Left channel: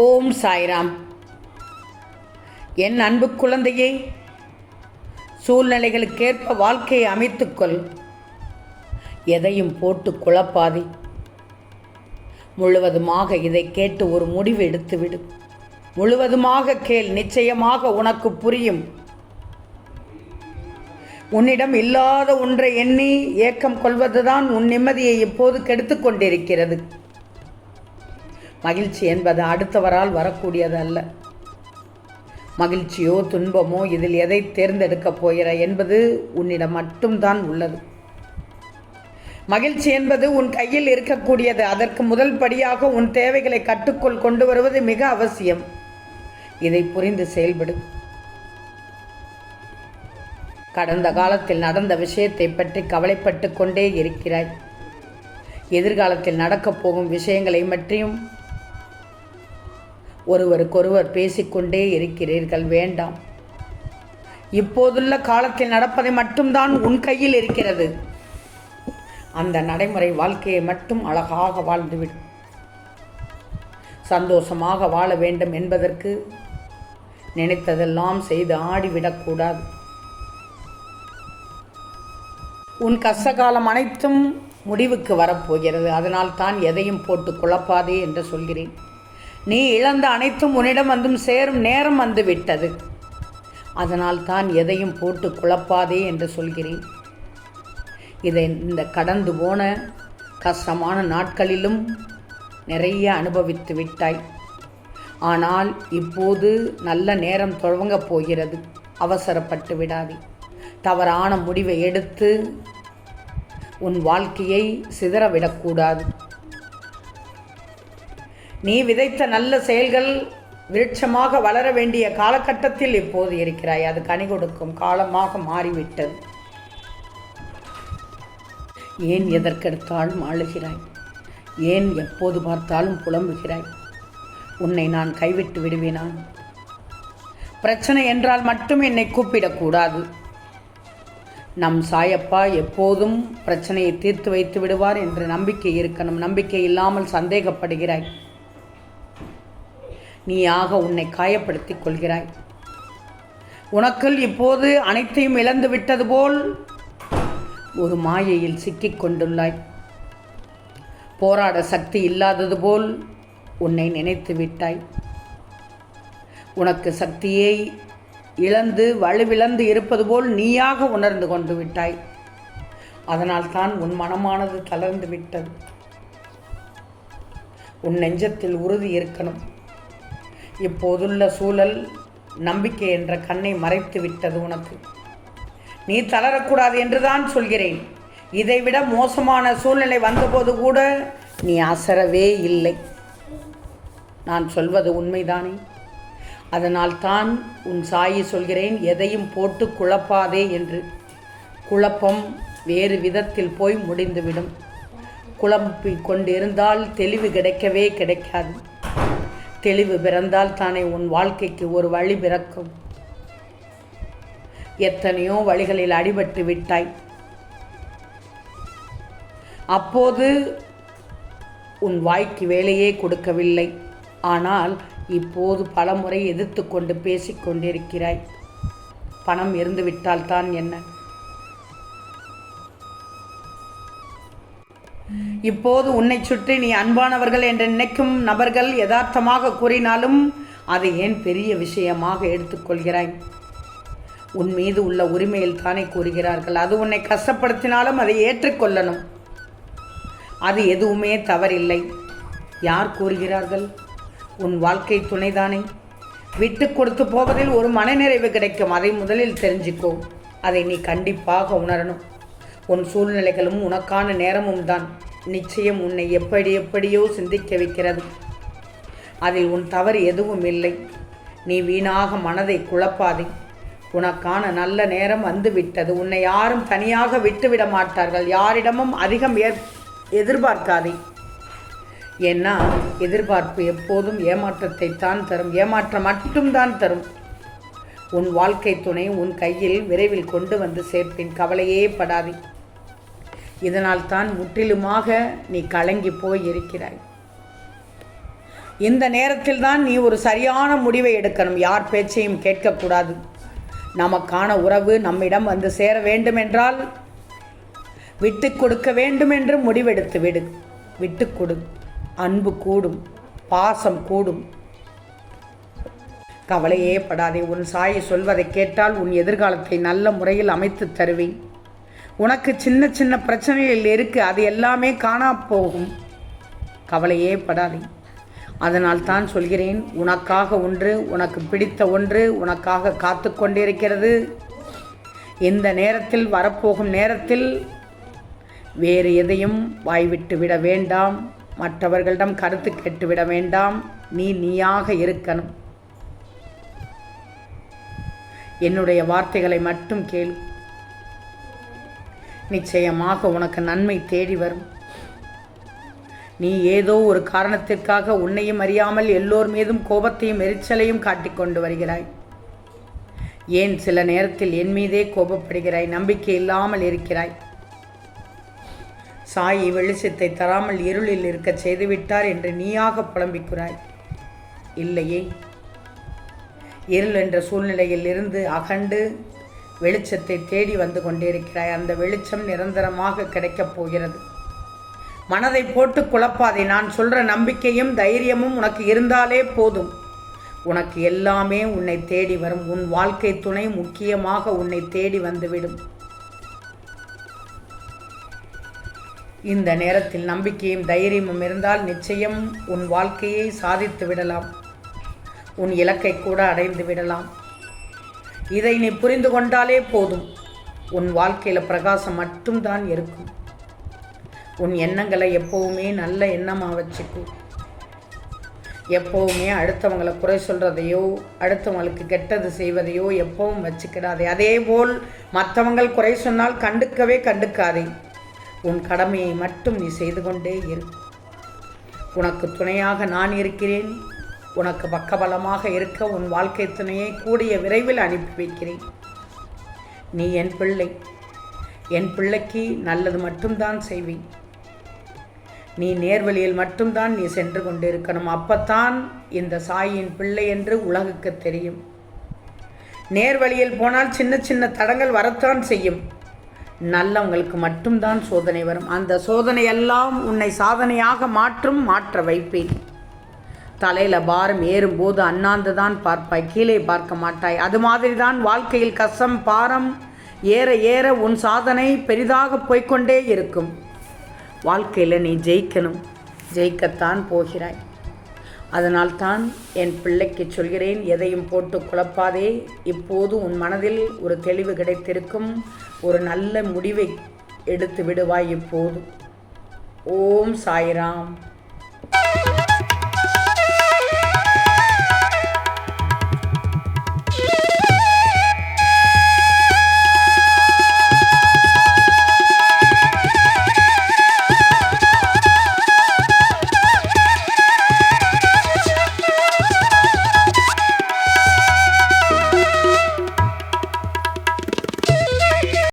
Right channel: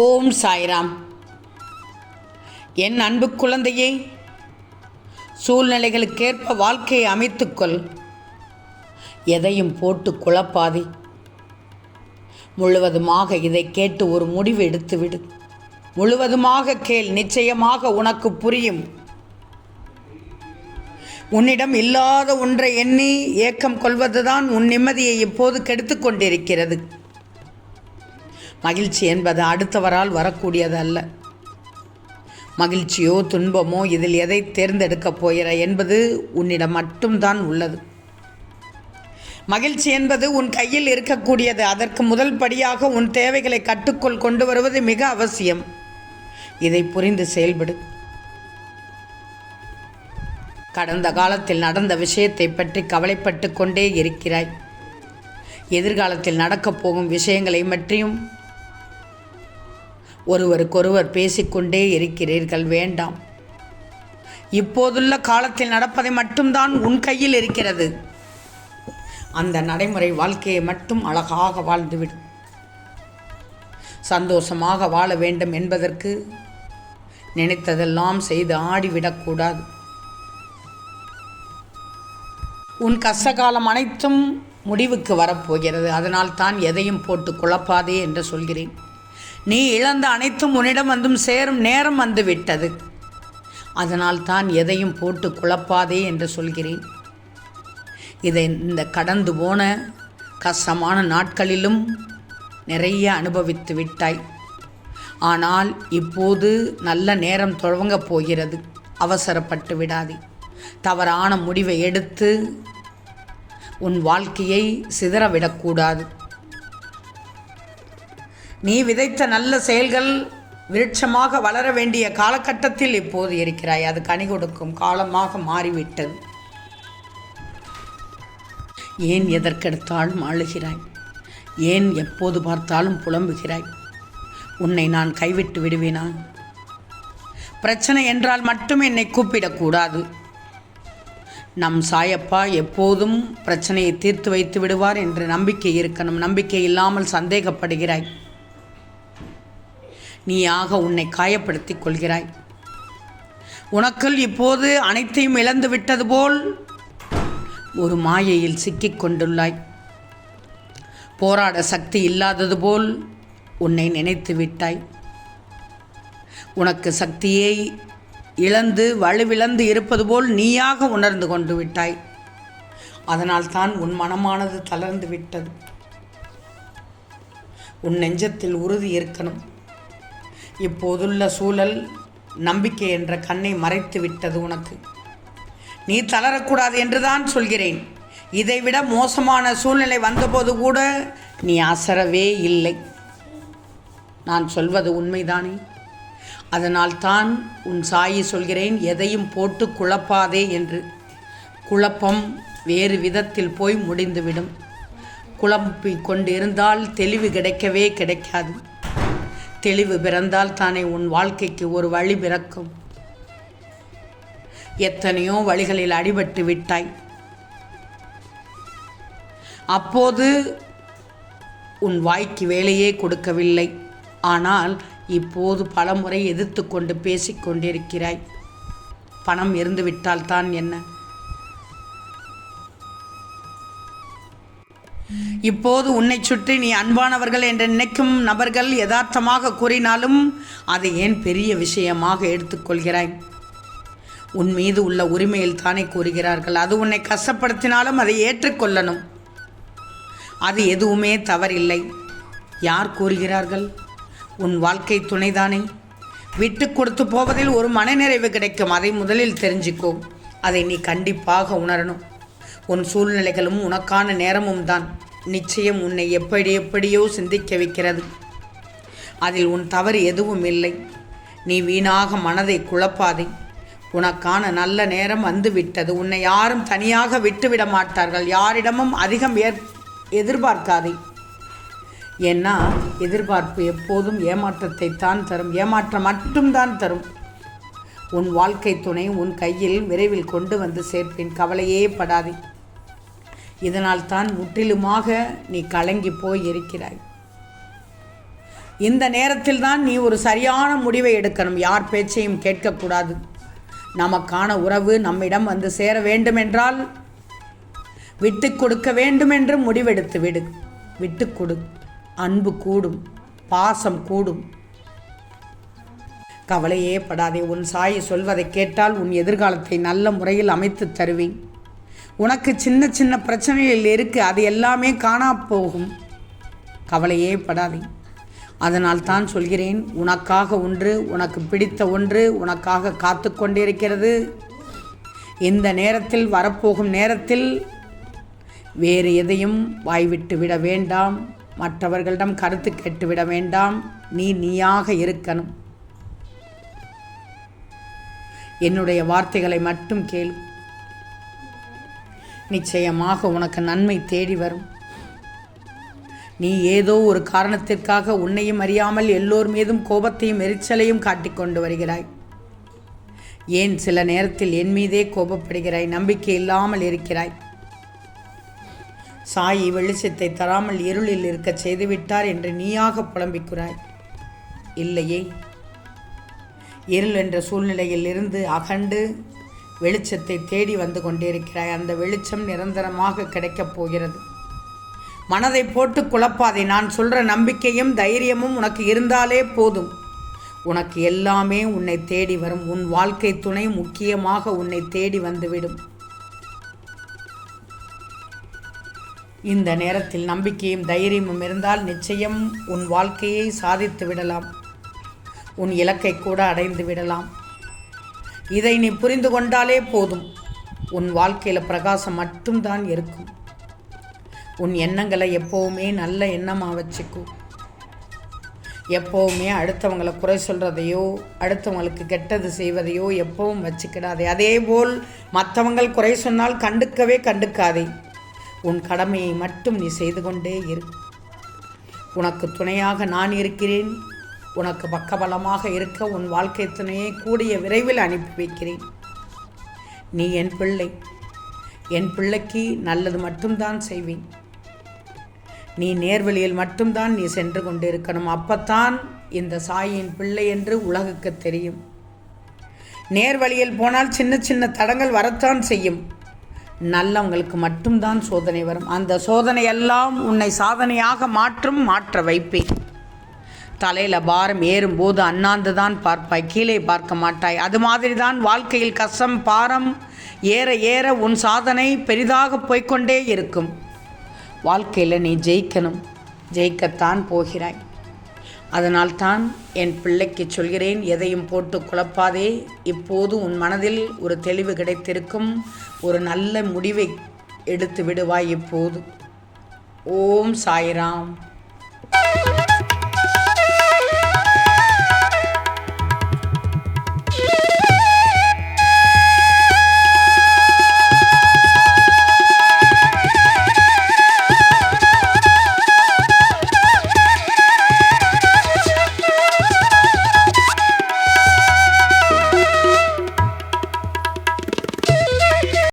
ஓம் சாய்ராம். என் அன்பு குழந்தையே, சூழ்நிலைகளுக்கேற்ப வாழ்க்கையை அமைத்துக்கொள். எதையும் போட்டு குழப்பாதே. முழுவதுமாக இதை கேட்டு ஒரு முடிவு எடுத்துவிடு. முழுவதுமாக கேள், நிச்சயமாக உனக்கு புரியும். உன்னிடம் இல்லாத ஒன்றை எண்ணி ஏக்கம் கொள்வதுதான் உன் நிம்மதியை இப்போது கெடுத்து கொண்டிருக்கிறது. மகிழ்ச்சி என்பது அடுத்தவரால் வரக்கூடியது அல்ல. மகிழ்ச்சியோ துன்பமோ இதில் எதை தேர்ந்தெடுக்கப் போகிறாய் என்பது உன்னிடம் மட்டும்தான் உள்ளது. மகிழ்ச்சி என்பது உன் கையில் இருக்கக்கூடியது. அதற்கு முதல் படியாக உன் தேவைகளை கட்டுக்குள் கொண்டு வருவது மிக அவசியம். இதை புரிந்து செயல்படு. கடந்த காலத்தில் நடந்த விஷயத்தை பற்றி கவலைப்பட்டு கொண்டே இருக்கிறாய். எதிர்காலத்தில் நடக்கப் போகும் விஷயங்களை பற்றியும் ஒருவருக்கொருவர் பேசிக்கொண்டே இருக்கிறீர்கள். வேண்டாம். இப்போதுள்ள காலத்தில் நடப்பதை மட்டும்தான் உன் கையில் இருக்கிறது. அந்த நடைமுறை வாழ்க்கையை மட்டும் அழகாக வாழ்ந்துவிடும். சந்தோஷமாக வாழ வேண்டும் என்பதற்கு நினைத்ததெல்லாம் செய்து ஆடிவிடக்கூடாது. உன் கஷ்டகாலம் அனைத்தும் முடிவுக்கு வரப்போகிறது. அதனால் தான் எதையும் போட்டு குழப்பாதே என்று சொல்கிறேன். நீ இழந்த அனைத்தும் உன்னிடம் வந்தும் சேரும் நேரம் வந்துவிட்டது. அதனால் தான் எதையும் போட்டு குழப்பாதே என்று சொல்கிறேன். இதை இந்த கடந்து போன கஷ்டமான நாட்களிலும் நிறைய அனுபவித்து விட்டாய். ஆனால் இப்போது நல்ல நேரம் துவங்கப் போகிறது. அவசரப்பட்டு விடாதே. தவறான முடிவை எடுத்து உன் வாழ்க்கையை சிதறவிடக்கூடாது. நீ விதைத்த நல்ல செயல்கள் விருட்சமாக வளர வேண்டிய காலகட்டத்தில் இப்போது இருக்கிறாய். அது கனி கொடுக்கும் காலமாக மாறிவிட்டது. ஏன் எதற்கெடுத்தாலும் அழுகிறாய்? ஏன் எப்போது பார்த்தாலும் புலம்புகிறாய்? உன்னை நான் கைவிட்டு விடுவேனா? பிரச்சனை என்றால் மட்டும் என்னை கூப்பிடக்கூடாது. நம் சாயப்பா எப்போதும் பிரச்சனையை தீர்த்து வைத்து விடுவார் என்று நம்பிக்கை இருக்கணும். நம்பிக்கை இல்லாமல் சந்தேகப்படுகிறாய். நீயாக உன்னை காயப்படுத்திக் கொள்கிறாய். உனக்குள் இப்போது அனைத்தையும் இழந்து விட்டது போல் ஒரு மாயையில் சிக்கிக் கொண்டுள்ளாய். போராட சக்தி இல்லாதது போல் உன்னை நினைத்து விட்டாய். உனக்கு சக்தியை இழந்து வலுவிழந்து இருப்பது போல் நீயாக உணர்ந்து கொண்டு விட்டாய். அதனால் தான் உன் மனமானது தளர்ந்து விட்டது. உன் நெஞ்சத்தில் உறுதி இருக்கணும். இப்போதுள்ள சூழல் நம்பிக்கை என்ற கண்ணை மறைத்து விட்டது உனக்கு. நீ தளரக்கூடாது என்றுதான் சொல்கிறேன். இதைவிட மோசமான சூழ்நிலை வந்தபோது கூட நீ அசரவே இல்லை. நான் சொல்வது உண்மைதானே? அதனால் தான் உன் சாயி சொல்கிறேன், எதையும் போட்டு குழப்பாதே என்று. குழப்பம் வேறு விதத்தில் போய் முடிந்துவிடும். குழப்பிக் கொண்டிருந்தால் தெளிவு கிடைக்கவே கிடைக்காது. தெளிவு பிறந்தால் தானே உன் வாழ்க்கைக்கு ஒரு வழி பிறக்கும். எத்தனையோ வழிகளில் அடிபட்டு விட்டாய். அப்போது உன் வாய்க்கு வேலையே கொடுக்கவில்லை. ஆனால் இப்போது பலமுறை எதிர்த்து கொண்டு பேசிக்கொண்டிருக்கிறாய். பணம் இருந்துவிட்டால் தான் என்ன? இப்போது உன்னை சுற்றி நீ அன்பானவர்கள் என்று நினைக்கும் நபர்கள் யதார்த்தமாக கூறினாலும் அதை ஏன் பெரிய விஷயமாக எடுத்துக்கொள்கிறாய்? உன் மீது உள்ள உரிமையில் தானே கூறுகிறார்கள். அது உன்னை கஷ்டப்படுத்தினாலும் அதை ஏற்றுக்கொள்ளணும். அது எதுவுமே தவறில்லை. யார் கூறுகிறார்கள்? உன் வாழ்க்கை துணைதானே. விட்டு கொடுத்து போவதில் ஒரு மனநிறைவு கிடைக்கும். அதை முதலில் தெரிஞ்சுக்கோ. அதை நீ கண்டிப்பாக உணரணும். உன் சூழ்நிலைகளும் உனக்கான நேரமும் தான் நிச்சயம் உன்னை எப்படியோ சிந்திக்க வைக்கிறது. அதில் உன் தவறு எதுவும் இல்லை. நீ வீணாக மனதை குழப்பாதே. உனக்கான நல்ல நேரம் வந்துவிட்டது. உன்னை யாரும் தனியாக விட்டுவிட மாட்டார்கள். யாரிடமும் அதிகம் எதிர்பார்க்காதே. ஏன்னா எதிர்பார்ப்பு எப்போதும் ஏமாற்றத்தை தான் தரும். ஏமாற்றம் மட்டும்தான் தரும். உன் வாழ்க்கை துணை உன் கையில் விரைவில் கொண்டு வந்து சேர்ப்பேன். கவலையே படாதே. இதனால் தான் முற்றிலுமாக நீ கலங்கி போய் இருக்கிறாய். இந்த நேரத்தில் தான் நீ ஒரு சரியான முடிவை எடுக்கணும். யார் பேச்சையும் கேட்கக்கூடாது. நமக்கான உறவு நம்மிடம் வந்து சேர வேண்டுமென்றால் விட்டு கொடுக்க வேண்டுமென்று முடிவெடுத்து விடு. விட்டு கொடு. அன்பு கூடும், பாசம் கூடும். கவலையே படாதே. உன் சாயை சொல்வதை கேட்டால் உன் எதிர்காலத்தை நல்ல முறையில் அமைத்து தருவேன். உனக்கு சின்ன சின்ன பிரச்சனைகள் இருக்கு, அது எல்லாமே காணா போகும். கவலையே படாதே. அதனால் தான் சொல்கிறேன், உனக்காக ஒன்று, உனக்கு பிடித்த ஒன்று உனக்காக காத்து கொண்டிருக்கிறது. இந்த நேரத்தில், வரப்போகும் நேரத்தில் வேறு எதையும் வாய்விட்டு விட வேண்டாம். மற்றவர்களிடம் கருத்து கேட்டுவிட வேண்டாம். நீயாக இருக்கணும். என்னுடைய வார்த்தைகளை மட்டும் கேளு. நிச்சயமாக உனக்கு நன்மை தேடி வரும். நீ ஏதோ ஒரு காரணத்திற்காக உன்னையும் அறியாமல் எல்லோர் மீதும் கோபத்தையும் எரிச்சலையும் காட்டிக்கொண்டு வருகிறாய். ஏன் சில நேரத்தில் என் மீதே கோபப்படுகிறாய்? நம்பிக்கை இல்லாமல் இருக்கிறாய். சாயி வெளிச்சத்தை தராமல் இருளில் இருக்க செய்துவிட்டார் என்று நீயாக புலம்பிக்கிறாய். இல்லையே, இருள் என்ற சூழ்நிலையில் இருந்து அகண்டு வெளிச்சத்தை தேடி வந்து கொண்டிருக்கிறாய். அந்த வெளிச்சம் நிரந்தரமாக கிடைக்கப் போகிறது. மனதை போட்டு குழப்பாதே. நான் சொல்கிற நம்பிக்கையும் தைரியமும் உனக்கு இருந்தாலே போதும். உனக்கு எல்லாமே உன்னை தேடி வரும். உன் வாழ்க்கை துணை முக்கியமாக உன்னை தேடி வந்துவிடும். இந்த நேரத்தில் நம்பிக்கையும் தைரியமும் இருந்தால் நிச்சயம் உன் வாழ்க்கையை சாதித்து விடலாம். உன் இலக்கை கூட அடைந்து விடலாம். இதை நீ புரிந்து கொண்டாலே போதும். உன் வாழ்க்கையில் பிரகாசம் மட்டும்தான் இருக்கும். உன் எண்ணங்களை எப்போவுமே நல்ல எண்ணமாக வச்சுக்கோ. எப்போவுமே அடுத்தவங்களை குறை சொல்கிறதையோ அடுத்தவங்களுக்கு கெட்டது செய்வதையோ எப்பவும் வச்சுக்கிடாதே. அதேபோல் மற்றவங்கள் குறை சொன்னால் கண்டுக்காதே. உன் கடமையை மட்டும் நீ செய்து கொண்டே இரு. உனக்கு துணையாக நான் இருக்கிறேன். உனக்கு பக்கபலமாக இருக்க உன் வாழ்க்கை துணையை கூடிய விரைவில் அனுப்பி வைக்கிறேன். நீ என் பிள்ளை. என் பிள்ளைக்கு நல்லது மட்டும்தான் செய்வேன். நீ நேர்வழியில் மட்டும்தான் நீ சென்று கொண்டிருக்கணும். அப்பத்தான் இந்த சாயின் பிள்ளை என்று உலகுக்கு தெரியும். நேர்வழியில் போனால் சின்ன சின்ன தடங்கள் வரத்தான் செய்யும். நல்லவங்களுக்கு மட்டும்தான் சோதனை வரும். அந்த சோதனையெல்லாம் உன்னை சாதனையாக மாற்ற வைப்பேன். தலையில் பாரம் ஏறும்போது அண்ணாந்து தான் பார்ப்பாய், கீழே பார்க்க மாட்டாய். அது மாதிரி தான் வாழ்க்கையில் கஷ்டம் பாரம் ஏற ஏற உன் சாதனை பெரிதாக போய்கொண்டே இருக்கும். வாழ்க்கையில் நீ ஜெயிக்கணும். ஜெயிக்கத்தான் போகிறாய். அதனால்தான் என் பிள்ளைக்கு சொல்கிறேன், எதையும் போட்டு குழப்பாதே. இப்போது உன் மனதில் ஒரு தெளிவு கிடைத்திருக்கும். ஒரு நல்ல முடிவை எடுத்து விடுவாய் இப்போது. ஓம் சாய்ராம்.